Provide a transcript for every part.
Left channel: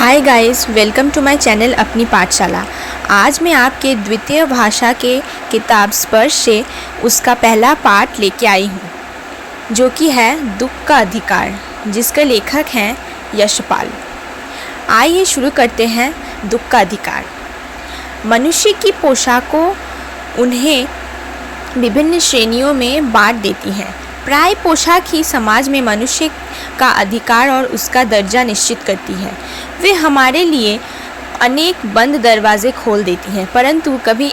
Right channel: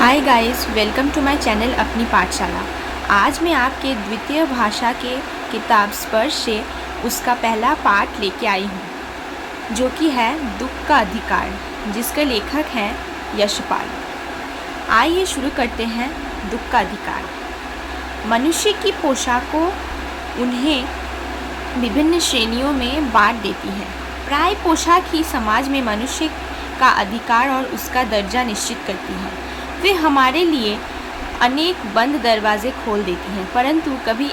Hi guys, welcome to my channel Apni Pathshala. आज मैं आपके द्वितीय भाषा के किताब स्पर्श से उसका पहला पाठ लेके आई हूँ, जो कि है दुख का अधिकार, जिसके लेखक हैं यशपाल। आइए शुरू करते हैं। दुख का अधिकार। मनुष्य की पोशाकों उन्हें विभिन्न श्रेणियों में बांट देती हैं। प्राय पोशाक ही समाज में मनुष्य का अधिकार और उसका दर्जा निश्चित करती है। वे हमारे लिए अनेक बंद दरवाजे खोल देती हैं, परंतु कभी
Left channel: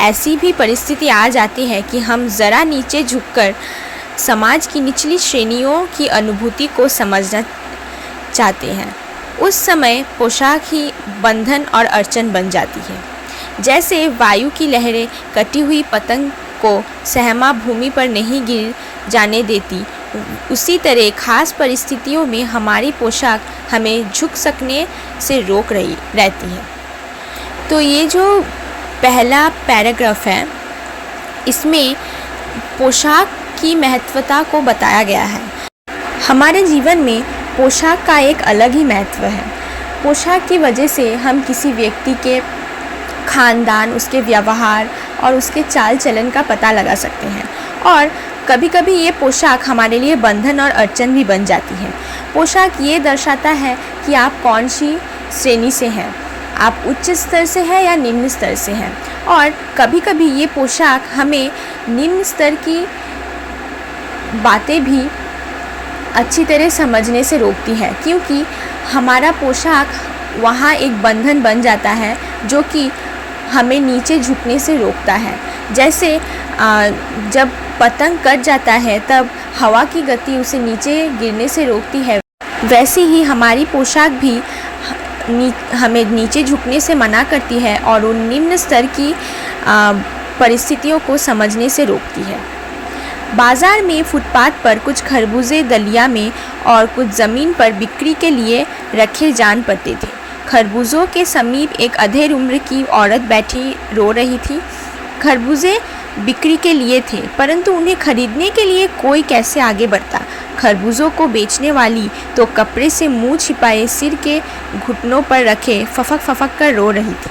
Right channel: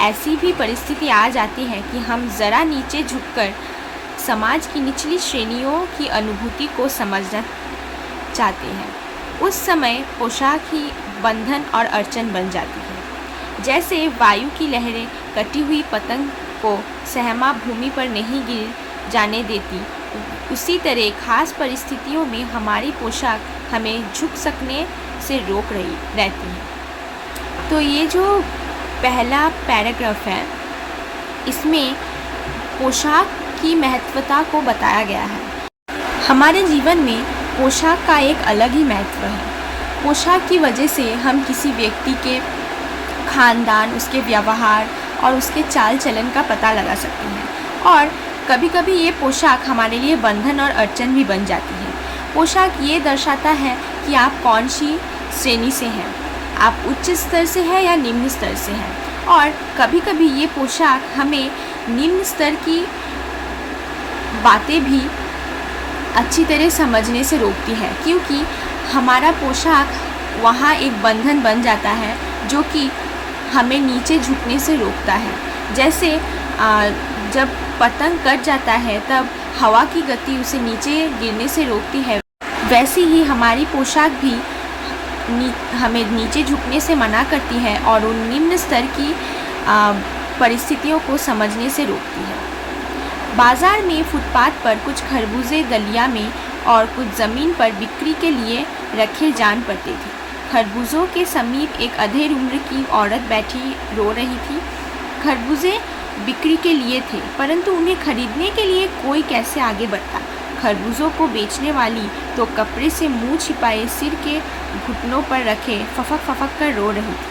ऐसी भी परिस्थिति आ जाती है कि हम ज़रा नीचे झुककर समाज की निचली श्रेणियों की अनुभूति को समझना चाहते हैं। उस समय पोशाक ही बंधन और अड़चन बन जाती है। जैसे वायु की लहरें कटी हुई पतंग को सहमा भूमि पर नहीं गिर जाने देती, उसी तरह खास परिस्थितियों में हमारी पोशाक हमें झुक सकने से रोक रही रहती है। तो ये जो पहला पैराग्राफ है, इसमें पोशाक की महत्वता को बताया गया है। हमारे जीवन में पोशाक का एक अलग ही महत्व है। पोशाक की वजह से हम किसी व्यक्ति के खानदान, उसके व्यवहार और उसके चाल चलन का पता लगा सकते हैं, और कभी कभी ये पोशाक हमारे लिए बंधन और अड़चन भी बन जाती है। पोशाक ये दर्शाता है कि आप कौन सी श्रेणी से हैं, आप उच्च स्तर से हैं या निम्न स्तर से हैं। और कभी कभी ये पोशाक हमें निम्न स्तर की बातें भी अच्छी तरह समझने से रोकती है, क्योंकि हमारा पोशाक वहाँ एक बंधन बन जाता है जो कि हमें नीचे झुकने से रोकता है। जैसे जब पतंग कट जाता है तब हवा की गति उसे नीचे गिरने से रोकती है, वैसे ही हमारी पोशाक भी हमें नीचे झुकने से मना करती है और उन निम्न स्तर की परिस्थितियों को समझने से रोकती है। बाज़ार में फुटपाथ पर कुछ खरबूजे दलिया में और कुछ ज़मीन पर बिक्री के लिए रखे जान पड़ते थे। खरबूजों के समीप एक अधेड़ उम्र की औरत बैठी रो रही थी। खरबूजे बिक्री के लिए थे, परंतु उन्हें खरीदने के लिए कोई कैसे आगे बढ़ता। खरबूजों को बेचने वाली तो कपड़े से मुंह छिपाए सिर के घुटनों पर रखे फफक फफक कर रो रही थी।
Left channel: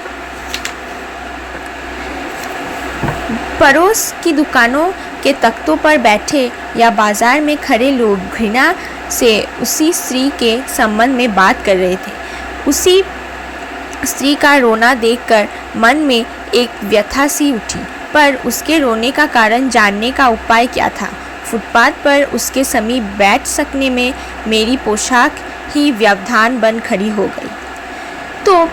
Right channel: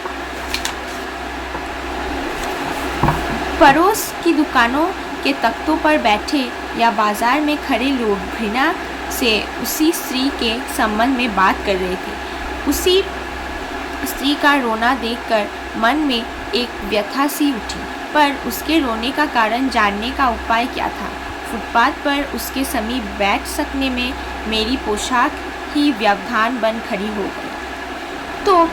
पड़ोस की दुकानों के तख्तों पर बैठे या बाजार में खड़े लोग घृणा से उसी स्त्री के संबंध में बात कर रहे थे। उसी स्त्री का रोना देखकर मन में एक व्यथा सी उठी, पर उसके रोने का कारण जानने का उपाय क्या था। फुटपाथ पर उसके समीप बैठ सकने में मेरी पोशाक ही व्यवधान बन खड़ी हो गई। तो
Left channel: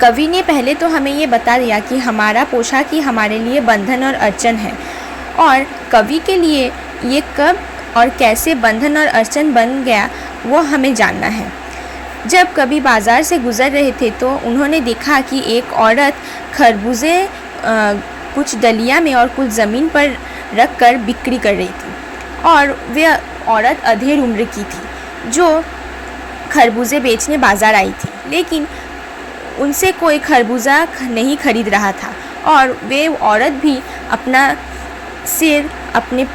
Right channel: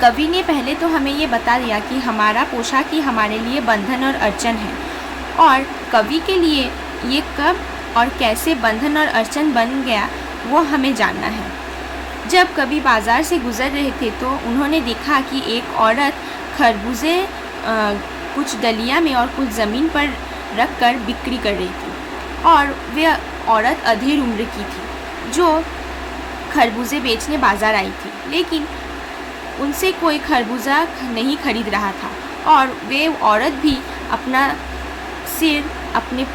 कवि ने पहले तो हमें ये बता दिया कि हमारा पोशाक ही हमारे लिए बंधन और अड़चन है, और कवि के लिए ये कब और कैसे बंधन और अड़चन बन गया वो हमें जानना है। जब कवि बाज़ार से गुज़र रहे थे तो उन्होंने देखा कि एक औरत खरबूजे कुछ दलिया में और कुछ ज़मीन पर रख कर बिक्री कर रही थी, और वह औरत अधेड़ उम्र की थी जो खरबूजे बेचने बाज़ार आई थी, लेकिन उनसे कोई खरबूजा नहीं खरीद रहा था, और वे औरत भी अपना सिर अपने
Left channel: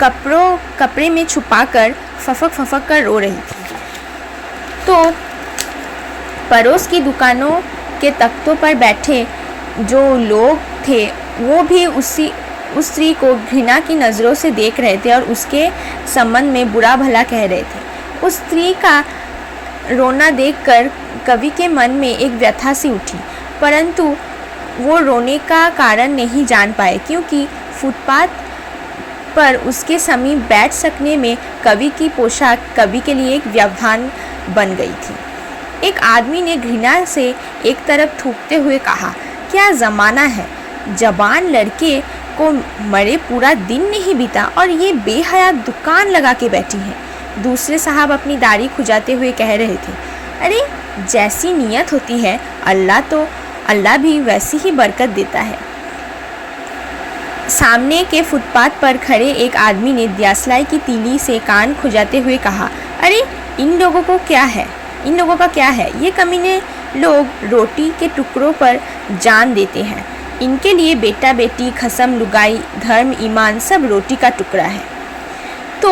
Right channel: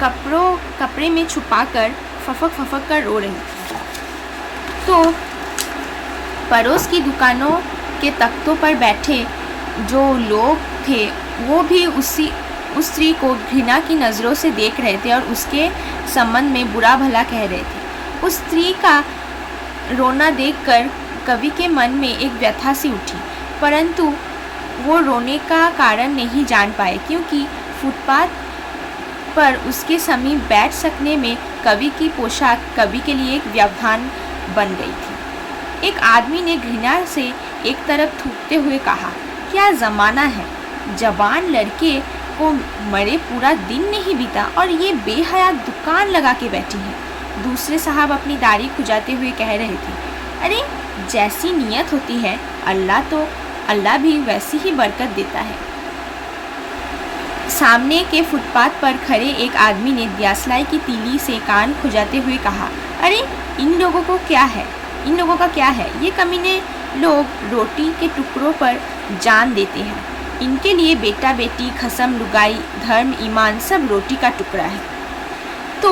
कपड़े में छुपाकर फफक फफक कर रो रही थी। तो पड़ोस की दुकानों के तख्तों पर बैठे जो लोग थे वो भी उस स्त्री को घृणा की नज़रों से देख रहे थे और उसके संबंध में बुरा भला कह रहे थे। उस स्त्री का रोना देखकर कवि के मन में एक व्यथा सी उठी, परंतु वो रोने का कारण नहीं जान पाए, क्योंकि फुटपाथ पर उसके समीप बैठ सकने में कवि की पोशाक कवि के लिए एक व्यवधान बन गई थी। एक आदमी ने घृणा से एक तरफ थूकते हुए कहा, क्या ज़माना है, जवान लड़के को मरे पूरा दिन नहीं बीता और ये बेहया दुकान लगा के बैठी है। दूसरे साहब अपनी दाढ़ी खुजाते हुए कह रहे थे, अरे जैसी नीयत होती है अल्लाह भी वैसी ही बरकत देता है। सामने के फुटपाथ पर खड़े एक आदमी ने दियासलाई की तीली से कान खुजाते हुए कहा, अरे इन लोगों का क्या है, ये कमीने लोग रोटी के टुकड़ों पर जान देते हैं। इनके लिए बेटा बेटी, खसम, लुगाई, धर्म, ईमान सब रोटी का टुकड़ा है। तो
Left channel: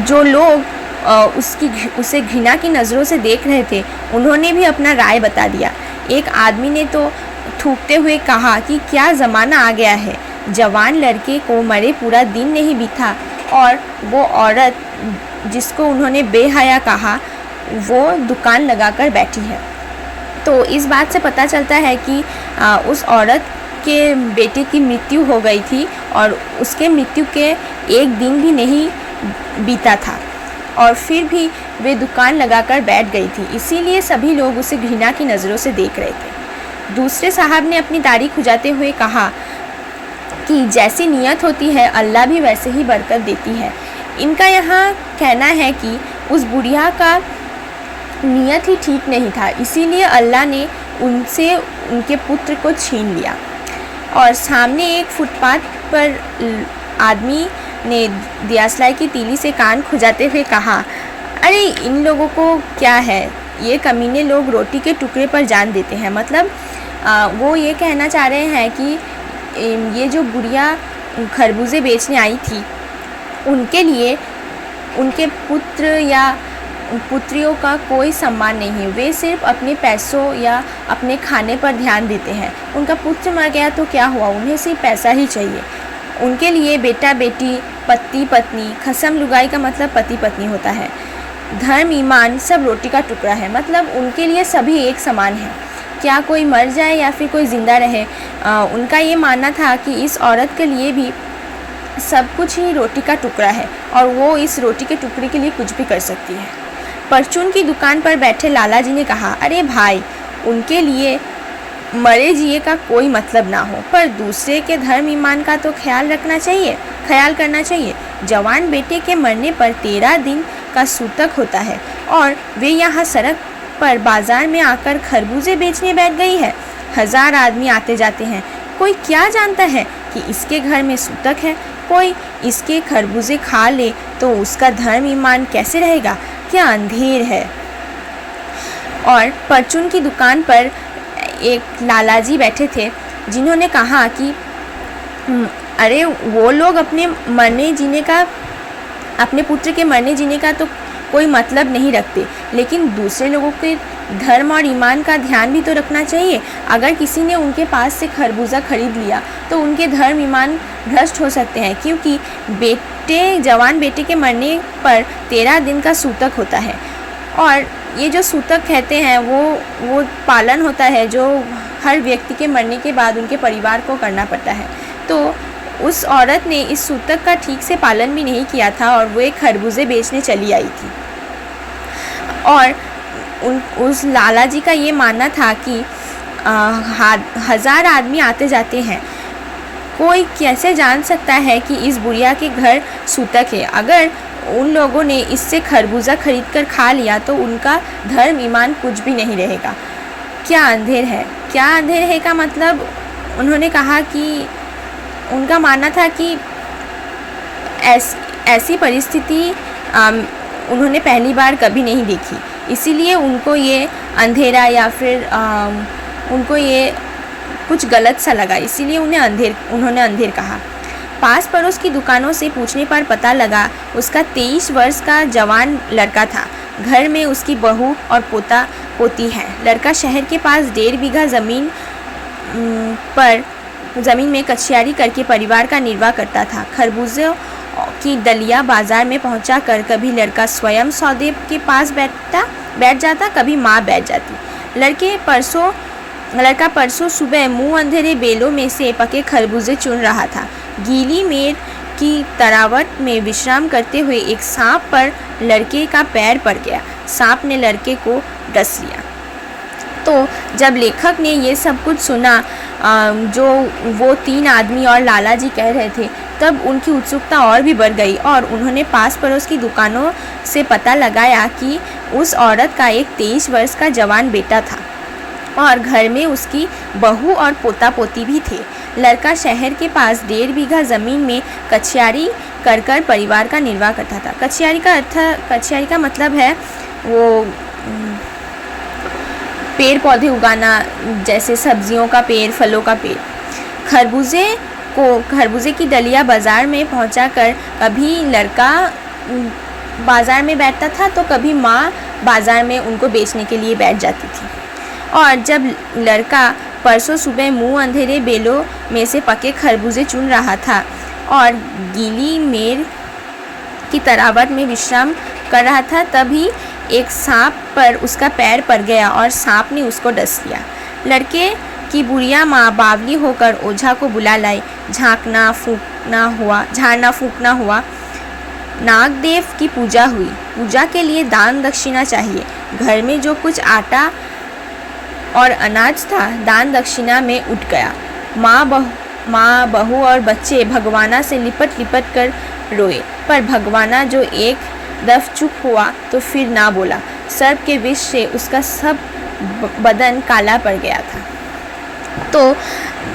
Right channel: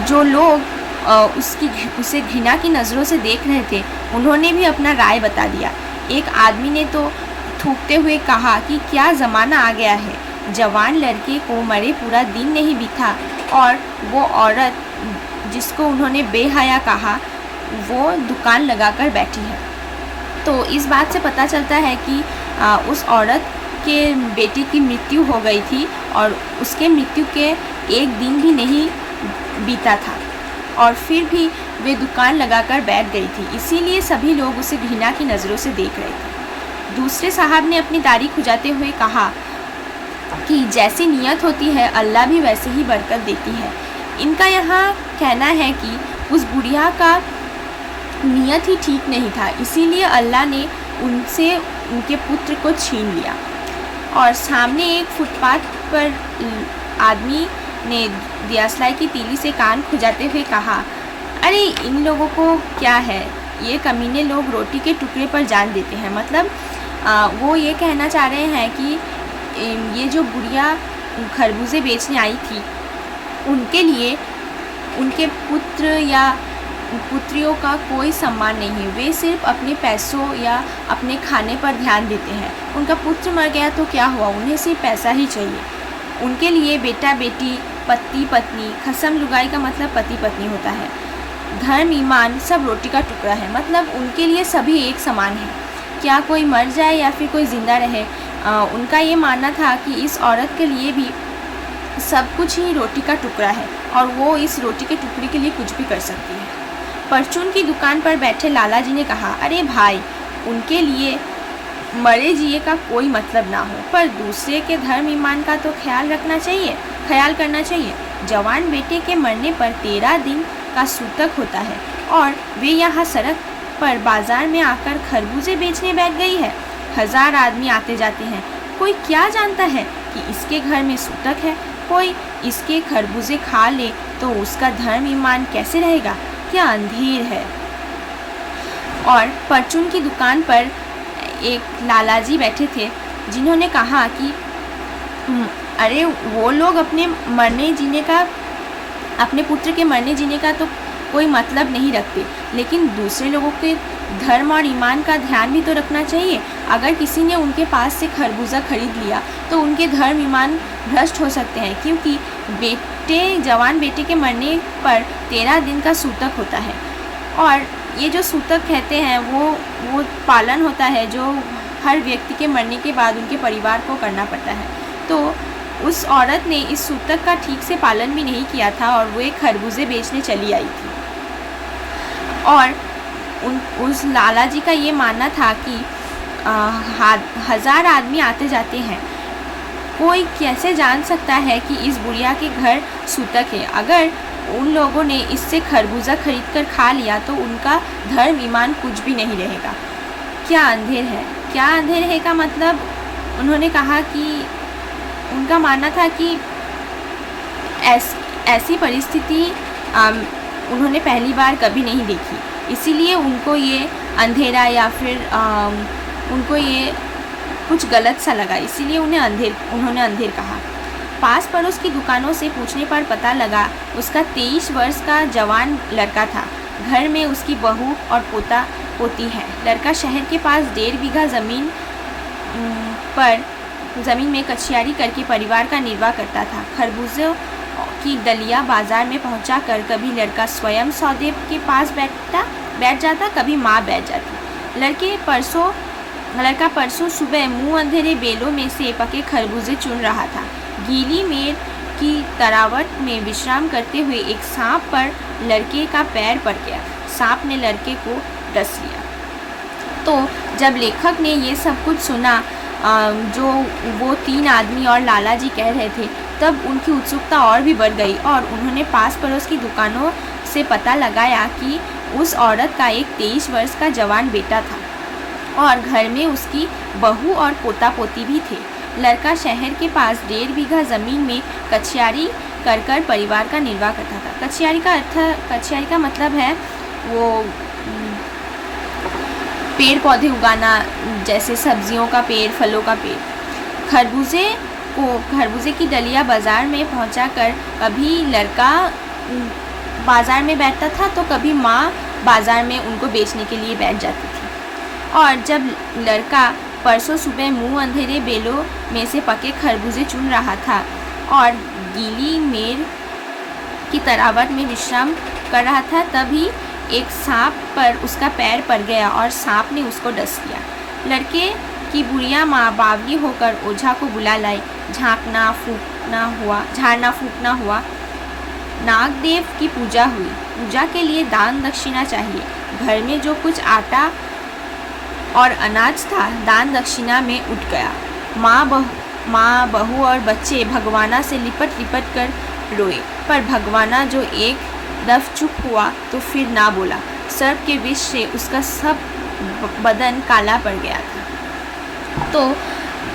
जो लोग उसे घृणा की नज़रों से देख रहे थे, उन्होंने भी अपना राय बता दिया। एक आदमी ने तो थूकते हुए कहा कि क्या ज़माना आ गया है, जवान लड़के को मरे पूरा दिन नहीं बीता और वो औरत जिसको उन्होंने बेहया कहा वो दुकान लगाकर बैठी है। तो इस बात से पता चलता है कि उस औरत के बेटे की मृत्यु हो गई थी और उसके मृत्यु के एक दिन भी नहीं बीता था और फिर भी वे दुकान लगाकर बैठ गई थी, इसीलिए सभी लोग उसे घृणा की नज़रों से देख रहे थे। दूसरे साहब ने अपनी दाढ़ी खुजाते हुए कहा कि जैसी नियत होती है अल्लाह भी वैसे ही बरकत देती है। इनका यहाँ कहना है कि उस बुढ़िया का नियत ही ठीक नहीं था, इसीलिए अल्लाह ने उनसे उनके पुत्र को छीन लिया। और सामने एक फुटपाथ पर आदमी ने दियासलाई की तीली से कान खुजाते हुए कहा, अरे इन लोगों को क्या है, ये कमीने लोग रोटी के टुकड़े पर जान देते हैं। मतलब वो ये कहना चाह रहे हैं कि ये जो बुढ़िया खरबूजे बेचने आई थी उनके लिए उनके पुत्र या पुत्रियों का कोई सम्मान नहीं है, वे सिर्फ अपने पैसों या अपने खाने पर ध्यान देते हैं। उनका पुत्र मर गया तो क्या हुआ, उन्हें सिर्फ पैसा ही चाहिए। उनके लिए बेटा बेटी, पति पत्नी, खसम लुगाई का मतलब पति पत्नी होता है, धर्म ईमान सब रोटी का टुकड़ा है। मतलब उनके लिए सभी एक समान है, क्या कोई मर जाए या फिर कोई ज़िंदा रहे। उनका ये मानना था कि इस औरत के लिए भी सब कुछ ही रोटी का टुकड़ा है और वो इस रोटी के टुकड़े के लिए कुछ भी कर सकती है। परचून की दुकान पर बैठे लाला जी ने कहा, अरे भाई, उनके लिए मरे जिए का कोई मतलब ना हो, पर दूसरे के धर्म ईमान का तो ख्याल करना चाहिए। जवान बेटे के मरने पर 13 दिन का सूतक होता है और वे यहाँ सड़क पर बाजार में आकर खरबूजे बेचने बैठ गई है। 1000 आदमी आते जाते हैं, कोई क्या जानता है कि इसके घर में सूतक है। कोई इसके खरबूजे खा ले तो उसका धर्म ईमान कैसे रहेगा, क्या अंधेर है। और परचून की दुकान पर एक लालाजी बैठे थे जिन्होंने कहा कि अरे वो लोग अपने पुत्र के मरने जीने का तो कोई मतलब नहीं रखते, लेकिन दूसरे लोगों के धर्म और ईमान का ध्यान भी तो रखना चाहिए। अगर किसी ने उनके पास से खरबूजा खरीद लिया तो उनके धर्म ईमान भ्रष्ट हो सकते हैं, क्योंकि जवान बेटे के मरने पर 13 दिन का सूतक होता है। और ये जो सूतक कहते हैं वो पालन होता है जो हर व्यक्ति के मरने के बाद उनके परिवार को करना पड़ता है। तो उस औरत ने इस सूतक का ठीक से पालन भी नहीं किया था और वो एक खरबूजे बेचने चली आई थी। और उस लाला जी का ये मानना था कि 1000 आदमी आते जाते हैं, कोई कैसे जान सकता है कि इस बुढ़िया के घर सूतक है। अगर उन लोगों ने इससे खरबूजा खरीद कर खा लिया तो उनका धर्म ईमान कुछ भी नहीं रहेगा। क्या अंधेर है का मतलब उन्होंने कहा कि उनका मानना था कि ऐसी परिस्थिति उन्होंने पहली बार कभी नहीं देखी, इसीलिए उनको ये अंधेरा या फिर उनको ये कुछ गलत सा लगा, इसीलिए उन्होंने अंधेर कहा। पास पड़ोस की दुकानों से पूछने पर पता लगा उसका 23 वर्ष का जवान लड़का था। घर में उसकी बहू और पोता पोती है। लड़का शहर के पास 1.5 बीघा ज़मीन में कचियारी करके परिवार का निर्वाह करता था। खरबूजे की डलिया बाजार में पहुंचा कर कभी लड़का स्वयं सौदे के पास बैठ जाता, कभी माँ बैठ जाती। लड़का परसों सुबह मुंह अंधेरे बेलों में से पके खरबूजे चुन रहा था। गीली मेड़ की तरावट में विश्राम करते हुए एक सांप पर लड़के का पैर पड़ गया। सांप ने लड़के को डस लिया। तो जब लेखक ने ये सब कुछ सुना जो वो 3 आदमी और लाला जी कह रहे थे, तब उनकी उत्सुकता और भी बढ़ गई और उन्होंने पास पड़ोस की दुकानों से पता लगाया कि उस औरत का एक 23 वर्ष का जवान बेटा था और घर में उसकी बहू और पोता पोती भी थे। लड़का शहर के पास 1.5 बीघा ज़मीन में कचियारी कर परिवार का निर्वाह करता था। कचियारी का मतलब है वो पेड़ पौधे उगाना, जैसे सब्जियों का पेड़, फलों का पेड़। खरबूजे की डलिया बाज़ार में पहुंचाकर कभी लड़का बाज़ार में बैठता था तो कभी माँ बाज़ार में उनको बेचने के लिए बैठ जाती थी। और जब लड़का परसों सुबह मुंह अंधेरे बेलों में से पके खरबूजे चुन रहा था और गीली मेड़ की तरावट में विश्राम कर रहा था, तभी एक सांप पर उसका पैर पड़ गया और सांप ने उसको डस लिया। लड़के की बुढ़िया माँ बावली होकर ओझा को बुला लाई। झाड़ना फूकना हुआ। नागदेव की पूजा हुई। पूजा के लिए दान दक्षिणा चाहिए। घर में जो कुछ आटा और अनाज था दान दक्षिणा में उठ गया। माँ बहू और बच्चे भगवाना से लिपट लिपट कर रोए, पर भगवाना जो एक दफ चुप हुआ तो फिर ना बोला। सर्प के विष से उसका सब बदन काला पड़ गया था। तो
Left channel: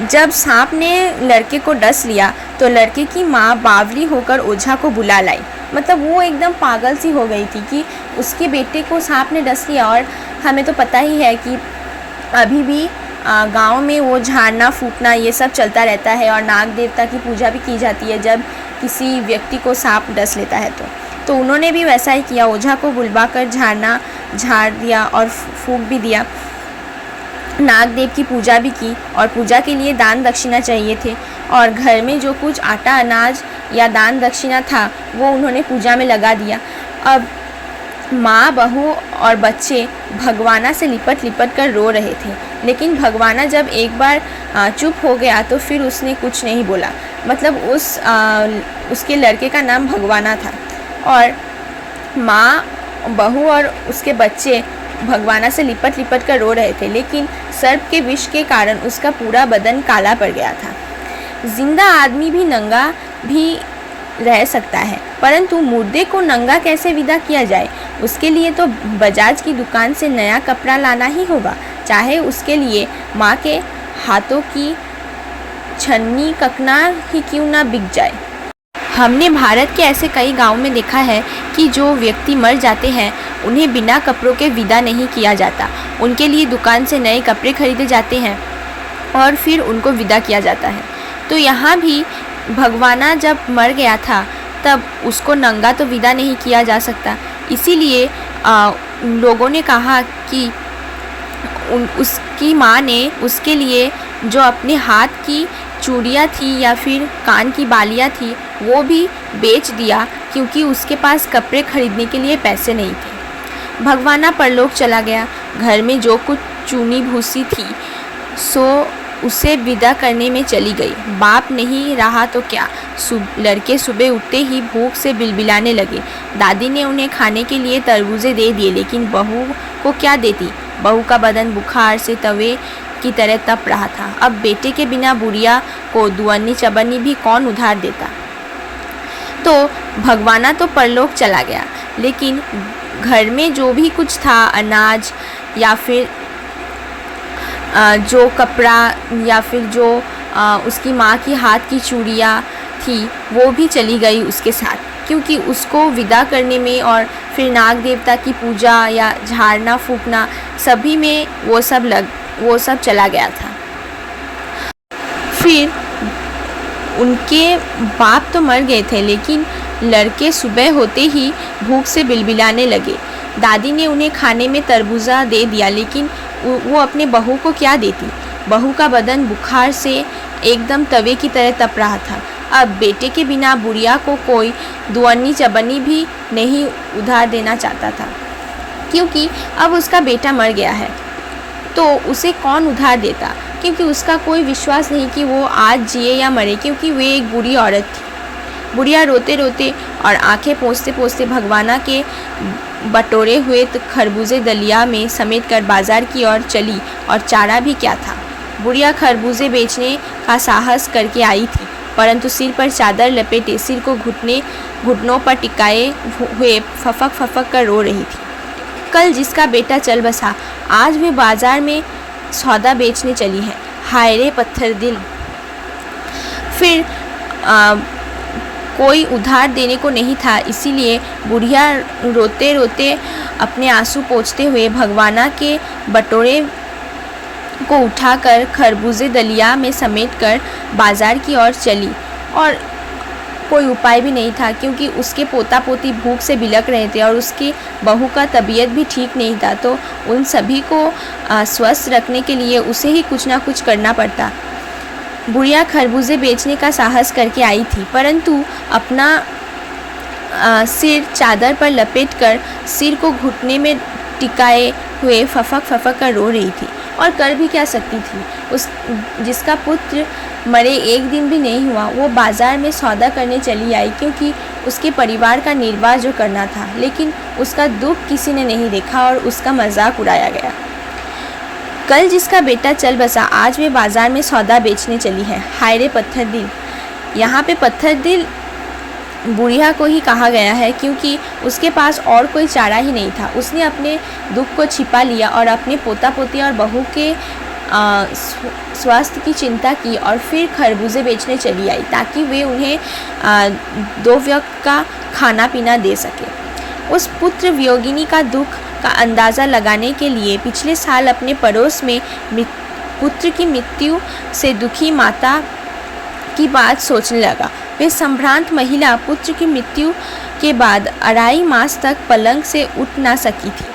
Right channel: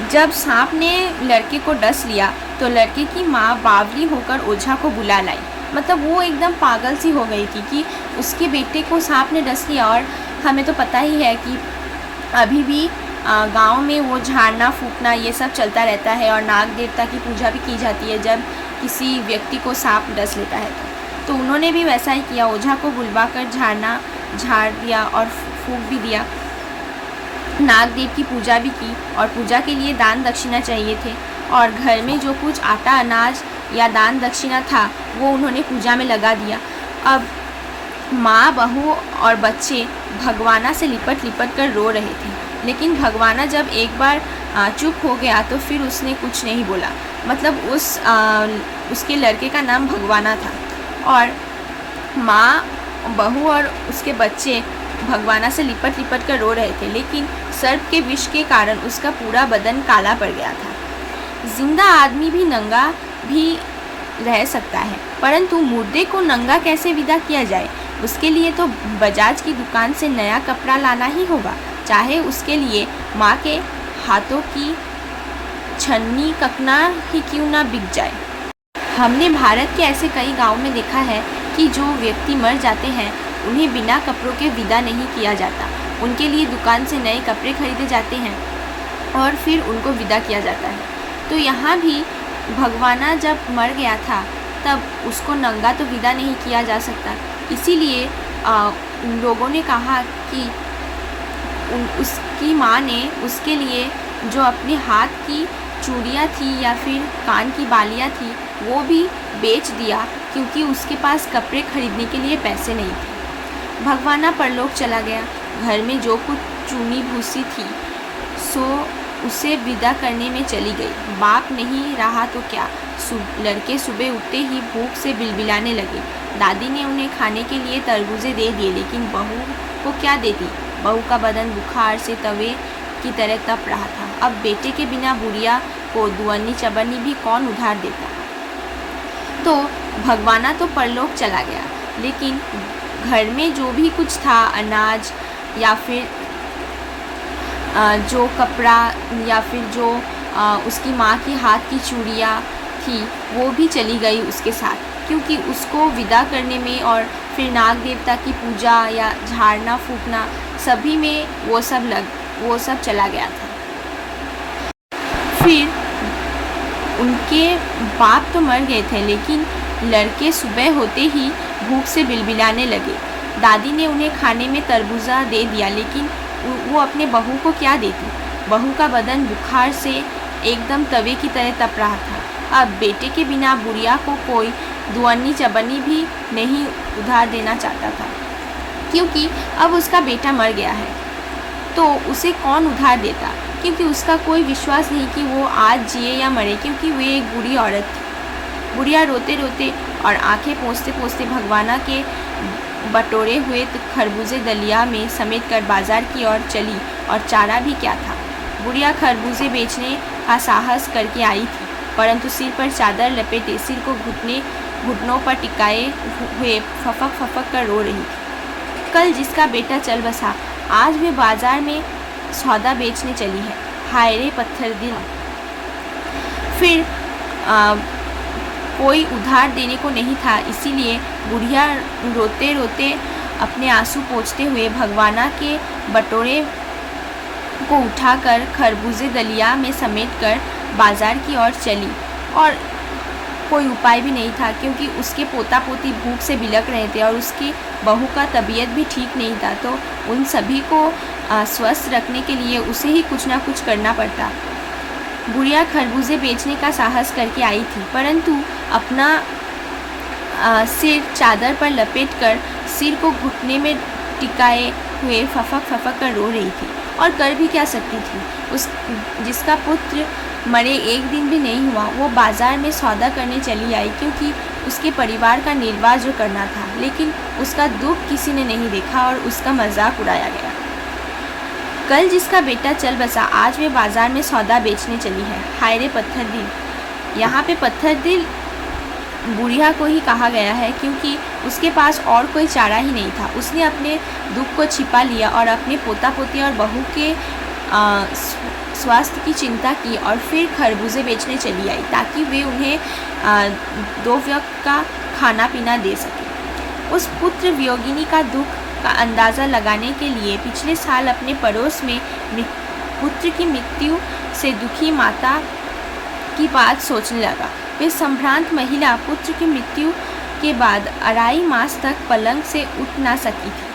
जब सांप ने लड़के को डस लिया तो लड़के की माँ बावली होकर ओझा को बुला लाई। मतलब वो एकदम पागल सी हो गई थी कि उसके बेटे को सांप ने डस लिया। और हमें तो पता ही है कि अभी भी गांव में वो झाड़ना फूकना ये सब चलता रहता है और नाग देवता की पूजा भी की जाती है जब किसी व्यक्ति को सांप डस लेता है। तो उन्होंने भी वैसा ही किया। ओझा को बुलवा कर झाड़ दिया और फूक भी दिया। नागदेव की पूजा भी की और पूजा के लिए दान दक्षिणा चाहिए थे और घर में जो कुछ आटा अनाज या दान दक्षिणा था वो उन्होंने पूजा में लगा दिया। अब माँ बहू और बच्चे भगवाना से लिपट लिपट कर रो रहे थे, लेकिन भगवाना जब एक बार चुप हो गया तो फिर उसने कुछ नहीं बोला। मतलब उसके लड़के का नाम भगवाना था और माँ बहू और उसके बच्चे भगवाना से लिपट लिपट कर रो रहे थे, लेकिन सर्प के विष के कारण उसका पूरा बदन काला पड़ गया था। जिंदा आदमी भी नंगा भी रह सकता है, परंतु मुर्दे को नंगा कैसे विदा किया जाए? उसके लिए तो बजाज की दुकान से नया कपड़ा लाना ही होगा, चाहे उसके लिए माँ के हाथों की छन्नी ककना ही क्यों ना बिक जाए। हमने भारत के ऐसे कई गांव में देखा है कि जो व्यक्ति मर जाते हैं उन्हें बिना कपड़ों के विदा नहीं किया जाता। उनके लिए दुकान से नए कपड़े खरीदे जाते हैं और फिर उनको विदा किया जाता है। तो यहाँ भी भगवाना जब मर गया था तब उसको नंगा तो विदा नहीं किया जा सकता, इसीलिए लोगों ने कहा कि उसकी माँ ने उसके लिए जो अपने हाथ की चूड़ियाँ थी या फिर कान की बालियाँ थी वो भी बेच दिया, क्योंकि उसके पास कपड़े खरीदने के लिए पैसे नहीं थे। भगवाना परलोक चला गया। घर में जो कुछ चूनी भूसी थी सो उसे विदा करने में चली गई। बाप नहीं रहा तो क्या। लड़के सुबह उठते ही भूख से बिलबिलाने लगे। दादी ने उन्हें खाने के लिए तरबूजे दे दिए, लेकिन बहू को क्या देती। बहू का बदन बुखार से तवे की तरह तप रहा था। अब बेटे के बिना बुढ़िया को दुअन्नी चबन्नी भी कौन उधार देता। तो भगवाना तो परलोक चला गया, लेकिन घर में जो भी कुछ था, अनाज या फिर जो कपड़ा या फिर जो उसकी माँ की हाथ की चूड़ियाँ थी वो भी चली गई उसके साथ, क्योंकि उसको विदा करने में और फिर नाग देवता की पूजा या झाड़ना फूकना सभी में वो सब चला गया था। फिर उनके बाप तो मर गए थे, लेकिन लड़के सुबह होते ही भूख से बिलबिलाने लगे। दादी ने उन्हें खाने में तरबूजा दे दिया, लेकिन वो अपने बहू को क्या देती। बहू का बदन बुखार से एकदम तवे की तरह तप रहा था। अब बेटे के बिना बुढ़िया को कोई दुअन्नी चबन्नी भी नहीं उधार देना चाहता था, क्योंकि अब उसका बेटा मर गया है तो उसे कौन उधार देता, क्योंकि उसका कोई विश्वास नहीं कि वो आज जिए या मरे, क्योंकि वे एक बुरी औरत थी। बुढ़िया रोते रोते और आंखें पोंछते पोंछते भगवाना के बटोरे हुए खरबूजे दलिया में समेट कर बाजार की ओर चली, और चारा भी क्या था। बुढ़िया खरबूजे बेचने का साहस करके आई थी, परंतु सिर पर चादर लपेटे, सिर को घुटनों पर टिकाए हुए फफक फफक कर रो रही थी। कल जिसका बेटा चल बसा, आज वे बाजार में सौदा बेचने चली है। हाय रे पत्थर दिल। फिर कोई उधार देने को नहीं था, इसीलिए बुढ़िया रोते रोते अपने आंसू पोंछते हुए भगवाना के बटोरे को उठाकर खरबूजे दलिया में समेटकर बाजार की ओर चली, और कोई उपाय भी नहीं था, क्योंकि उसके पोता पोती भूख से बिलख रहे थे और उसकी बहू का तबीयत भी ठीक नहीं था। तो उन सभी को स्वस्थ रखने के लिए उसे ही कुछ ना कुछ करना पड़ता। बुढ़िया खरबूजे बेचने का साहस करके आई थी, परंतु अपना सिर चादर पर लपेटकर सिर को घुटने में टिकाए हुए फफक फफक कर रो रही थी। और कर भी क्या सकती थी। उस जिसका पुत्र मरे एक दिन भी नहीं हुआ, वो बाज़ार में सौदा करने चली आई, क्योंकि उसके परिवार का निर्वाह जो करना था। लेकिन उसका दुख किसी ने नहीं देखा और उसका मजाक उड़ाया गया। कल जिसका बेटा चल बसा, आज वे बाज़ार में सौदा बेचने चली है। हाय रे पत्थर दिल। यहाँ पे पत्थर दिल बुढ़िया को ही कहा गया है, क्योंकि उसके पास और कोई चारा ही नहीं था। उसने अपने दुख को छिपा लिया और अपने पोता पोती और बहू के स्वास्थ्य की चिंता की और फिर खरबूजे बेचने चली आई, ताकि वे उन्हें 2 वक्त का खाना पीना दे सके। उस पुत्र वियोगिनी का दुख का अंदाज़ा लगाने के लिए पिछले साल अपने पड़ोस में पुत्र की मृत्यु से दुखी माता की बात सोचने लगा। वे संभ्रांत महिला पुत्र की मृत्यु के बाद 2.5 मास तक पलंग से उठ ना सकी थी।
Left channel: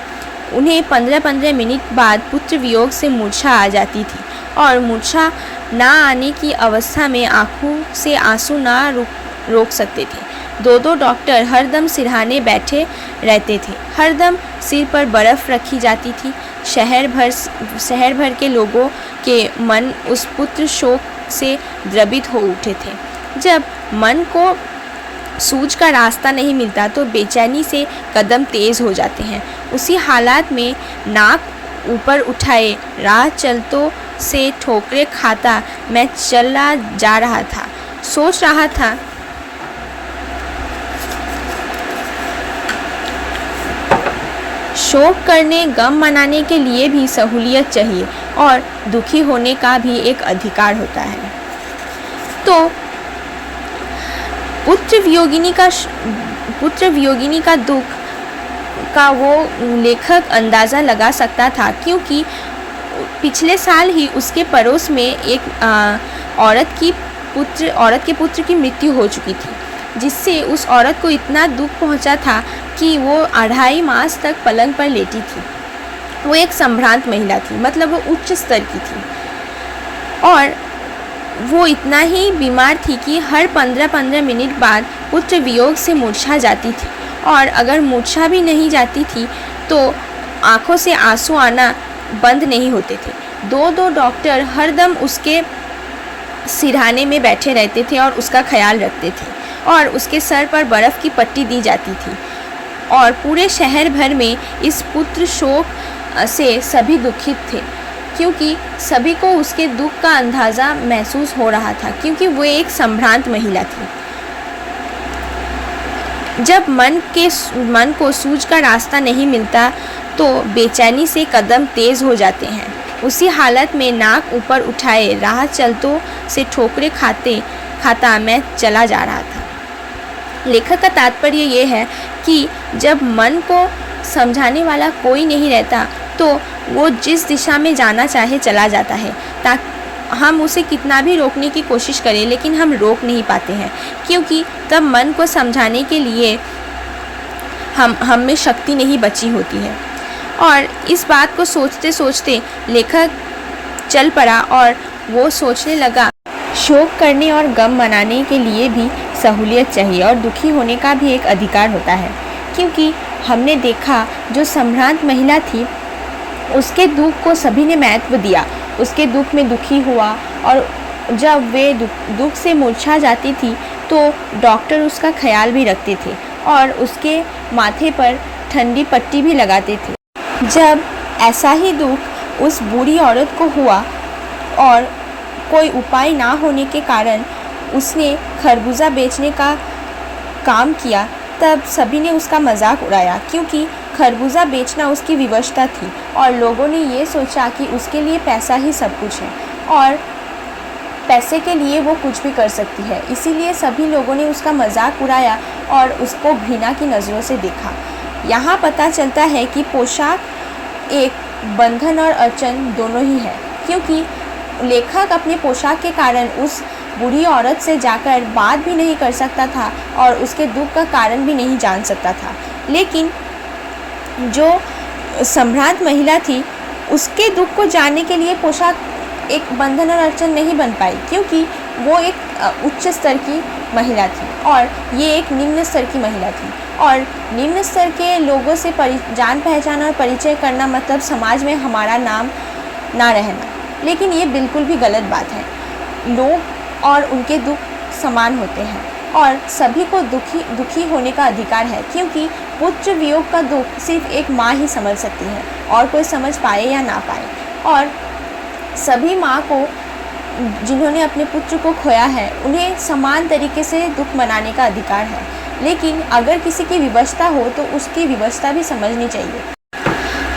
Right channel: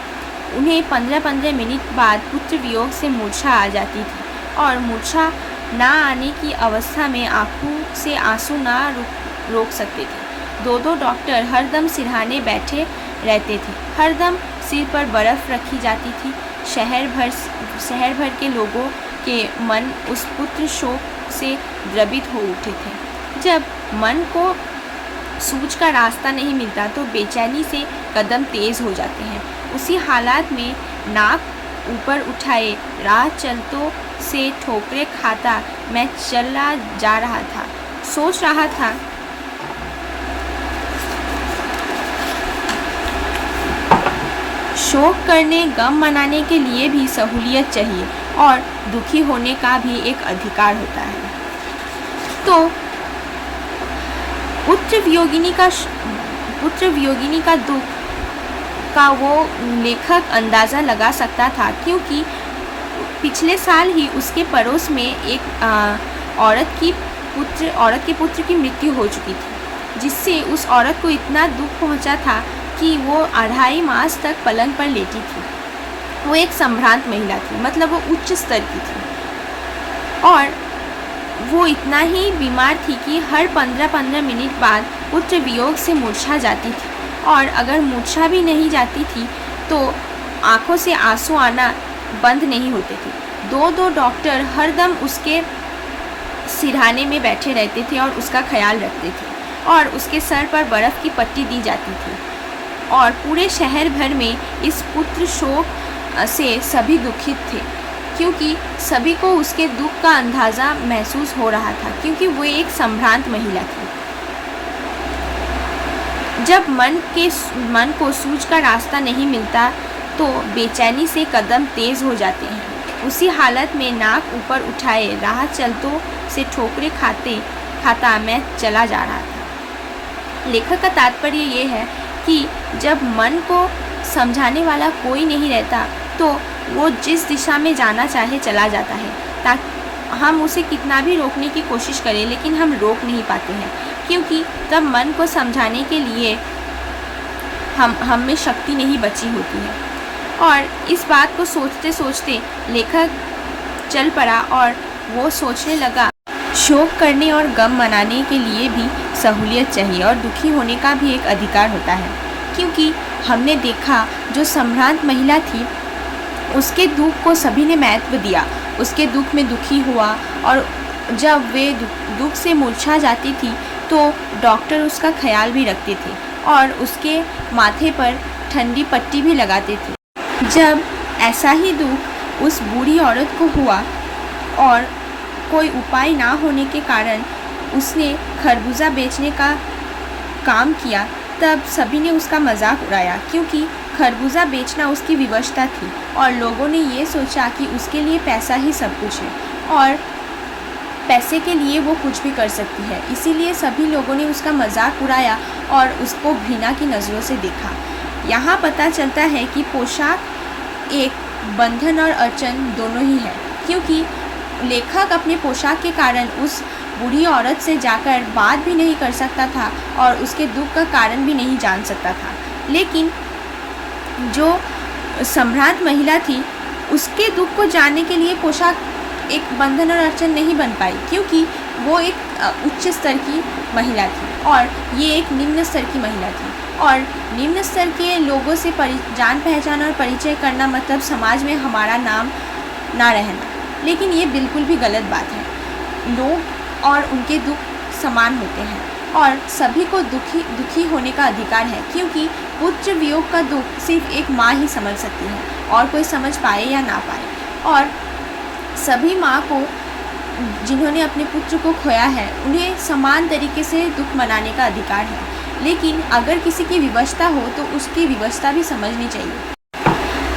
उन्हें 15-15 मिनट बाद पुत्र वियोग से मूर्छा आ जाती थी और मूर्छा ना आने की अवस्था में आंखों से आंसू ना रोक सकते थे। 2 डॉक्टर हरदम सिरहाने बैठे रहते थे। हरदम सिर पर बर्फ़ रखी जाती थी। शहर भर के लोगों के मन उस पुत्र शोक से द्रवित हो उठे थे। जब मन को सूझ का रास्ता नहीं मिलता तो बेचैनी से कदम तेज़ हो जाते हैं। उसी हालात में नाक ऊपर उठाए राह चलतों से ठोकरें खाता मैं चला जा रहा था। सोच रहा था, शोक करने गम मनाने के लिए भी सहूलियत चाहिए और दुखी होने का भी एक अधिकार होता है। तो पुत्र वियोगिनी का दुख का वो लेखक अंदाज़ा लगा सकता था, क्योंकि पिछले साल ही उसके पड़ोस में एक औरत के पुत्र की मृत्यु हो चुकी थी, जिससे उस औरत को इतना दुख पहुंचा था कि वो 2.5 मास तक पलंग पर लेटी थी। वो एक संभ्रांत महिला थी, मतलब वो उच्च स्तर की थी और वो इतना ही बीमार थी कि हर 15-15 मिनट बाद पुत्र वियोग से मूर्छा जाती थी, और अगर मूर्छा भी नहीं जाती थी तो आंखों से आंसू आना बंद नहीं होते थे। 2 डॉक्टर हरदम उसके सिरहाने में बैठे रहते थे और उसका ख्याल रखते थे, और उसके सर पर बर्फ़ की पट्टी दी जाती थी। और पूरे शहर भर में इस पुत्र शोक से सभी दुखित थे, क्योंकि सभी को उसके दुख का अंदाज़ा महसूस हो रहा था, क्योंकि वो एक संभ्रांत महिला थी। जब मन को सूझ का रास्ता नहीं मिलता तो बेचैनी से कदम तेज़ हो जाते हैं। उसी हालत में नाक ऊपर उठाए राह चलतों से ठोकरें खाता मैं चला जा रहा था। लेखक का तात्पर्य ये है कि जब मन को समझाने वाला कोई नहीं रहता तो वो जिस दिशा में जाना चाहे चला जाता है। ताकि हम उसे कितना भी रोकने की कोशिश करें, लेकिन हम रोक नहीं पाते हैं, क्योंकि तब मन को समझाने के लिए हम में शक्ति नहीं बची होती है। और इस बात को सोचते सोचते लेखक चल पड़ा और वो सोचने लगा, शोक करने और गम मनाने के लिए भी सहूलियत चाहिए और दुखी होने का भी एक अधिकार होता है। क्योंकि हमने देखा जो संभ्रांत महिला थी उसके दुख को सभी ने महत्व दिया, उसके दुख में दुखी हुआ, और जब वे दुख से मूर्छा जाती थी तो डॉक्टर उसका ख्याल भी रखते थे और उसके माथे पर ठंडी पट्टी भी लगाते थे। जब ऐसा ही दुख उस बूढ़ी औरत को हुआ और कोई उपाय ना होने के कारण उसने खरबूजा बेचने का काम किया, तब सभी ने उसका मजाक उड़ाया, क्योंकि खरबूजा बेचना उसकी विवशता थी और लोगों ने ये सोचा कि उसके लिए पैसा ही सब कुछ है और पैसे के लिए वो कुछ भी कर सकती है। इसीलिए सभी लोगों ने उसका मजाक उड़ाया और उसको घृणा की नज़रों से देखा। यहाँ पता चलता है कि पोशाक एक बंधन और अड़चन दोनों ही है, क्योंकि लेखक अपने पोशाक के कारण उस बूढ़ी औरत से जाकर बात भी नहीं कर सकता था और उसके दुख का कारण भी नहीं जान सकता था। लेकिन जो सम्राट महिला थी, उसके दुख को जानने के लिए पोशाक एक बंधन और अड़चन नहीं बन पाई, क्योंकि वो एक उच्च स्तर की महिला थी और ये एक निम्न स्तर की महिला थी। और निम्न स्तर के लोगों से जान पहचान और परिचय करना मतलब समाज में हमारा नाम ना रहना। लेकिन ये बिल्कुल भी गलत बात है। लोग और उनके दुख समान होते हैं और सभी को दुखी होने का अधिकार है, क्योंकि पुत्र वियोग का दुख सिर्फ एक माँ ही समझ सकती है और कोई समझ पाए या ना पाए। और सभी माँ को जिन्होंने अपने पुत्र को खोया है, उन्हें समान तरीके से दुख मनाने का अधिकार है। लेकिन अगर किसी की विवशता हो तो उसकी विवशता भी समझनी चाहिए।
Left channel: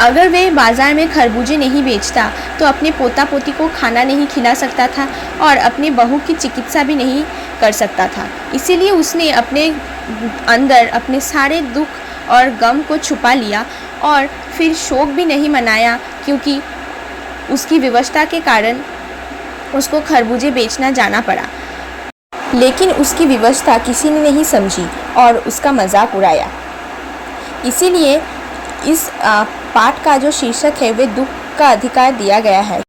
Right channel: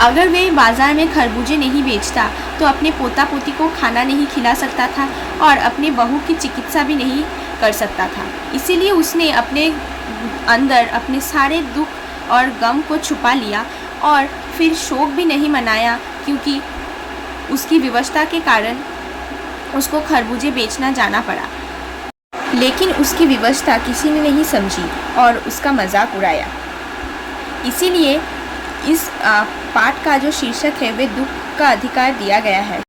अगर वे बाज़ार में खरबूजे नहीं बेचता तो अपने पोता पोती को खाना नहीं खिला सकता था और अपने बहू की चिकित्सा भी नहीं कर सकता था। इसीलिए उसने अपने अंदर अपने सारे दुख और गम को छुपा लिया और फिर शोक भी नहीं मनाया, क्योंकि उसकी विवशता के कारण उसको खरबूजे बेचना जाना पड़ा। लेकिन उसकी विवशता किसी ने नहीं समझी और उसका मजाक उड़ाया। इसीलिए इस पाठ का जो शीर्षक है वे दुख का अधिकार दिया गया है,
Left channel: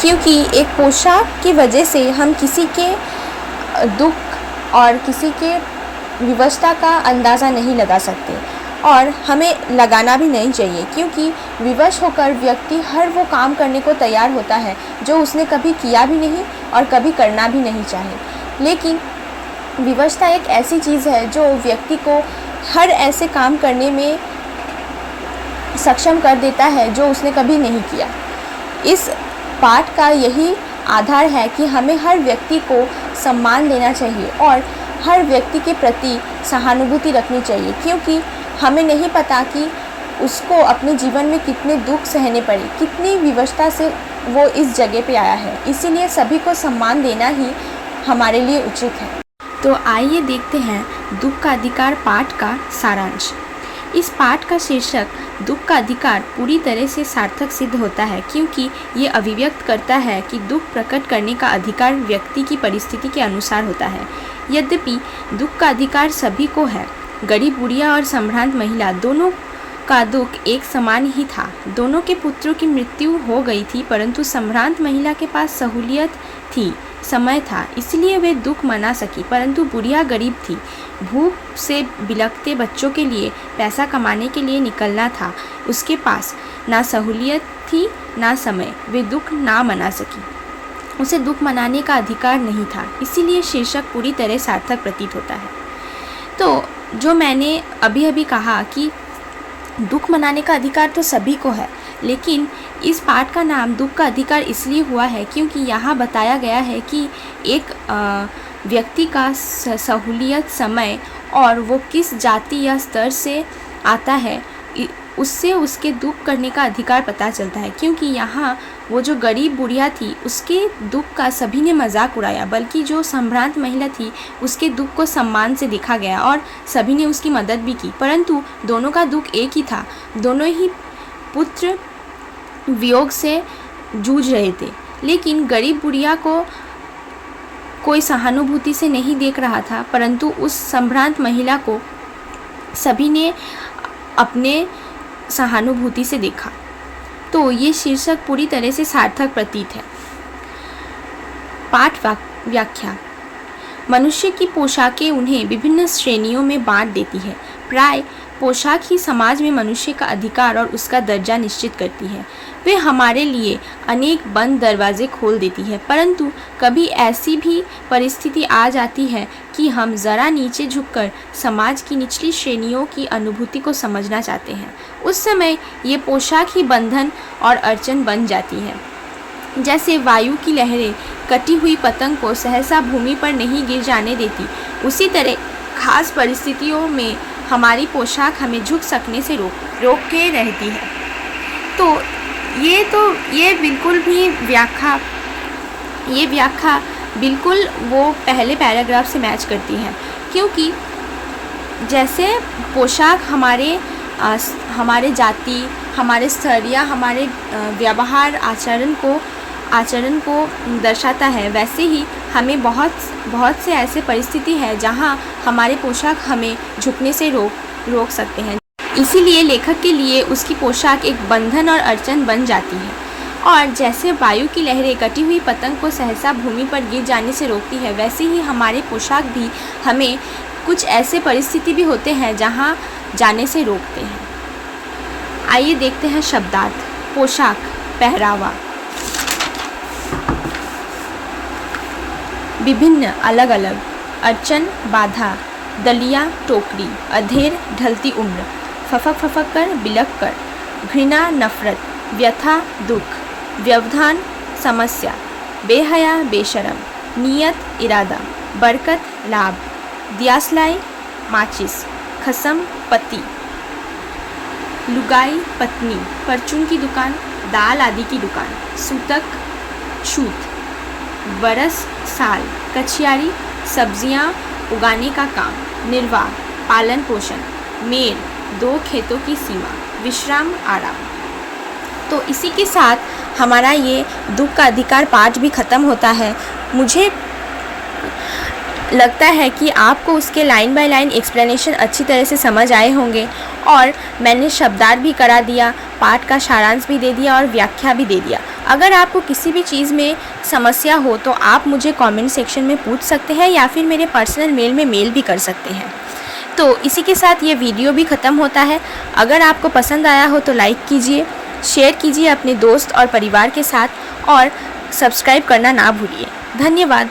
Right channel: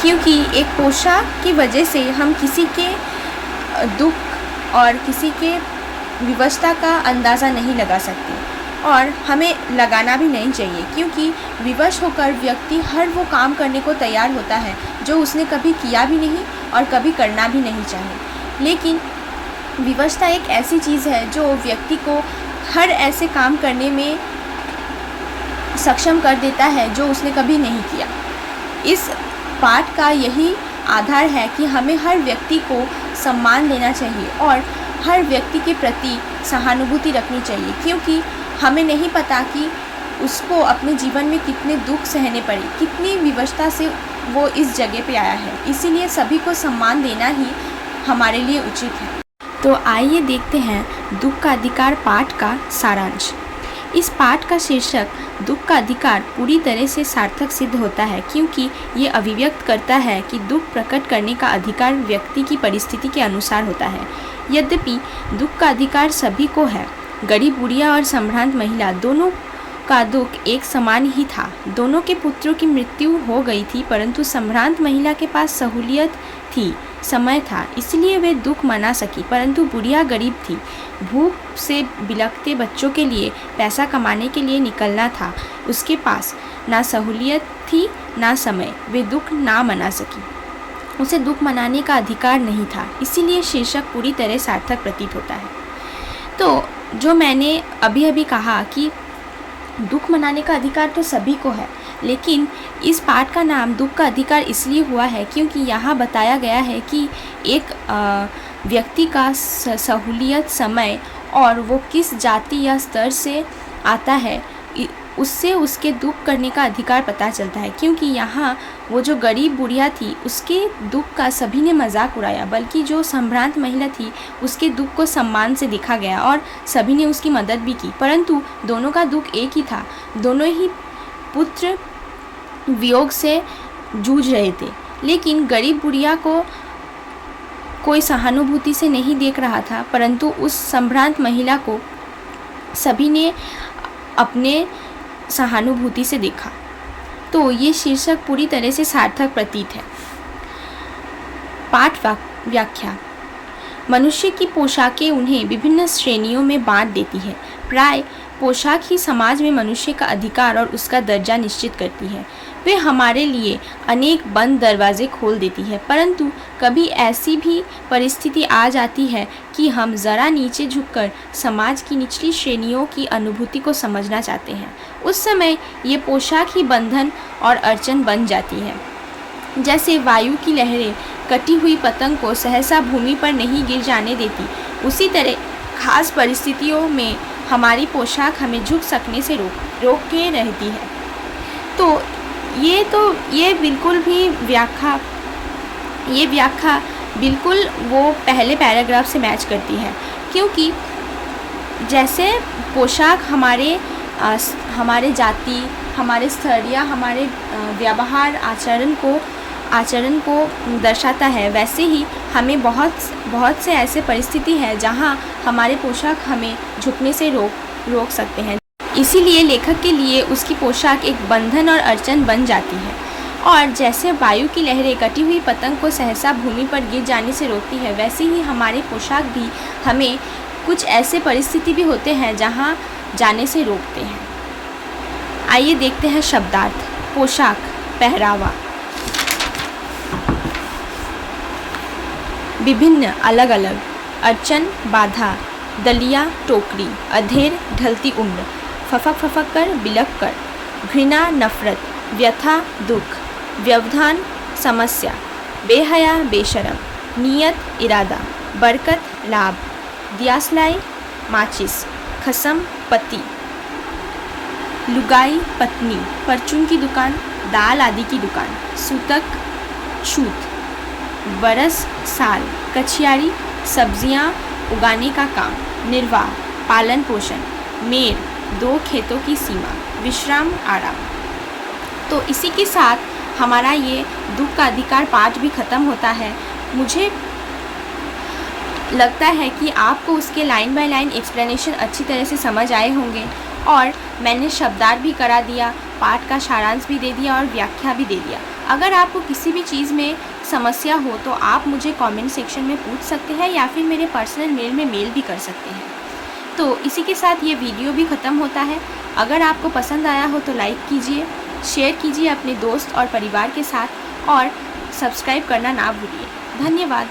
क्योंकि एक पोशाक की वजह से हम किसी के दुख और किसी के विवशता का अंदाज़ा नहीं लगा सकते और हमें लगाना भी नहीं चाहिए, क्योंकि विवश होकर व्यक्ति हर वो काम करने को तैयार होता है जो उसने कभी किया भी नहीं और कभी करना भी नहीं चाहे। लेकिन विवशता एक ऐसी चीज़ है जो व्यक्ति को हर ऐसे काम करने में सक्षम कर देता है जो उसने कभी नहीं किया। इस पाठ का यही आधार है कि हमें हर व्यक्ति को सम्मान देना चाहिए और हर व्यक्ति के प्रति सहानुभूति रखनी चाहिए, क्योंकि हमें नहीं पता कि उसको अपने जीवन में कितने दुख सहने पड़े, कितनी विवशता से वो इस जगह पे आया है। इसीलिए सभी को सम्मान देना ही हमारे लिए उचित है। तो आइए देखते हैं दुख का अधिकार पाठ का सारांश। इस पाठ का शीर्षक दुख का अधिकार पूरी तरह से सार्थक सिद्ध होता है, क्योंकि ये अभिव्यक्त करता है कि दुख प्रकट करने का अधिकार व्यक्ति की परिस्थिति के अनुसार होता है। यद्यपि दुख का अधिकार सभी को है, गरीब बुढ़िया और संभ्रांत महिला दोनों का दुख एक समान ही था। दोनों के पुत्रों की मृत्यु हो गई थी, परंतु संभ्रांत महिला के पास सहूलियत थी, समय था, इसलिए वे दुख मना सकी। परंतु बुढ़िया गरीब थी, भूख से बिलखते बच्चों के लिए पैसा कमाने के लिए निकलना था, उसके पास ना सहूलियत थी ना समय, वे दुख ना मना सकी, उसे दुख मनाने का अधिकार नहीं था। इसीलिए शीर्षक पूरी तरह सार्थक प्रतीत होता है। तो जो मैंने अभी अभी कहा कि दुख मनाने का अधिकार तो सभी को है, लेकिन इस पाठ का नाम दुख का अधिकार इसलिए हुआ है क्योंकि यहाँ बताया गया है कि एक व्यक्ति का सहूलियत, समय और वो किस जाति या स्तर से आता है, उससे उसके दुख करने का अधिकार पता चलता है। क्योंकि यहाँ वो जो गरीब बुढ़िया थी उसके दुख का सभी ने मजाक उड़ाया, बल्कि जो संभ्रांत महिला थी उसके दुख को सम्मान से देखा गया और सभी ने उसकी मदद भी की। परंतु दोनों का दुख एक ही था, दोनों ही पुत्र वियोग से जूझ रहे थे। लेकिन गरीब बुढ़िया को कोई सहानुभूति से नहीं देख रहा था, परंतु उस संभ्रांत महिला को सभी ने अपने सहानुभूति से देखा। तो ये शीर्षक पूरी तरह से सार्थक प्रतीत है। पाठ व्याख्या। मनुष्य की पोशाकें उन्हें विभिन्न श्रेणियों में बांट देती है। प्राय पोशाक ही समाज में मनुष्य का अधिकार और उसका दर्जा निश्चित करती है। वे हमारे लिए अनेक बंद दरवाजे खोल देती है, परंतु कभी ऐसी भी परिस्थिति आ जाती है कि हम ज़रा नीचे झुककर समाज की निचली श्रेणियों की अनुभूति को समझना चाहते हैं। उस समय ये पोशाक ही बंधन और अड़चन बन जाती है। जैसे वायु की लहरें कटी हुई पतंग को सहसा भूमि पर नहीं गिर जाने देती, उसी तरह खास परिस्थितियों में हमारी पोशाक हमें झुक सकने से रोक के रहती है। तो ये बिल्कुल भी व्याख्या बिल्कुल वो पहले पैराग्राफ से मैच करती है, क्योंकि जैसे पोशाक हमारे जाति, हमारे स्तर या हमारे व्यवहार आचरण को आचरण को दर्शाता है, वैसे ही हमें बहुत से ऐसे परिस्थिति है जहाँ हमारे पोशाक हमें झुकने से रोक सकते हैं। इसीलिए लेखक के लिए उसकी पोशाक एक बंधन और अड़चन बन जाती है। और जैसे वायु की लहरें कटी हुई पतंग को सहसा भूमि पर गिर जाने से रोकती है, वैसे ही हमारे पोशाक भी हमें कुछ ऐसे परिस्थिति भी होते हैं जहाँ जाने से रोकते हैं। आइए देखते हैं शब्दार्थ। पोशाक, पहरावा। विभिन्न, अलग अलग। अड़चन, बाधा। दलिया, टोकरी। अधेर, ढलती उम्र। फफक फफक कर, बिलक कर। घृणा, नफरत। व्यथा, दुख। व्यवधान, समस्या। बेहया, बेशरम। नियत, इरादा। बरकत, लाभ। दियासलाई, माचिस। खसम, पति। लुगाई, पत्नी। परचून की दुकान, दाल आदि की दुकान। सूतक, छूत। बरस, साल। कछियारी, सब्जियां उगाने का काम। निर्वाह, पालन पोषण। मेर, 2 खेतों की सीमा। विश्राम, आराम। तो इसी के साथ हमारा ये दुख का अधिकार पाठ भी ख़त्म होता है। मुझे लगता है कि आपको उसके लाइन बाय लाइन एक्सप्लेनेशन अच्छी तरह से समझ आए होंगे, और मैंने शब्दार्थ भी करा दिया, पाठ का सारांश भी दे दिया और व्याख्या भी दे दिया। अगर आपको किसी भी चीज़ में समस्या हो तो आप मुझे कमेंट सेक्शन में पूछ सकते हैं या फिर मेरे पर्सनल मेल में मेल भी कर सकते हैं। तो इसी के साथ ये वीडियो भी ख़त्म होता है। अगर आपको पसंद आया हो तो लाइक कीजिए, शेयर कीजिए अपने दोस्त और परिवार के साथ, और सब्सक्राइब करना ना भूलिए। धन्यवाद।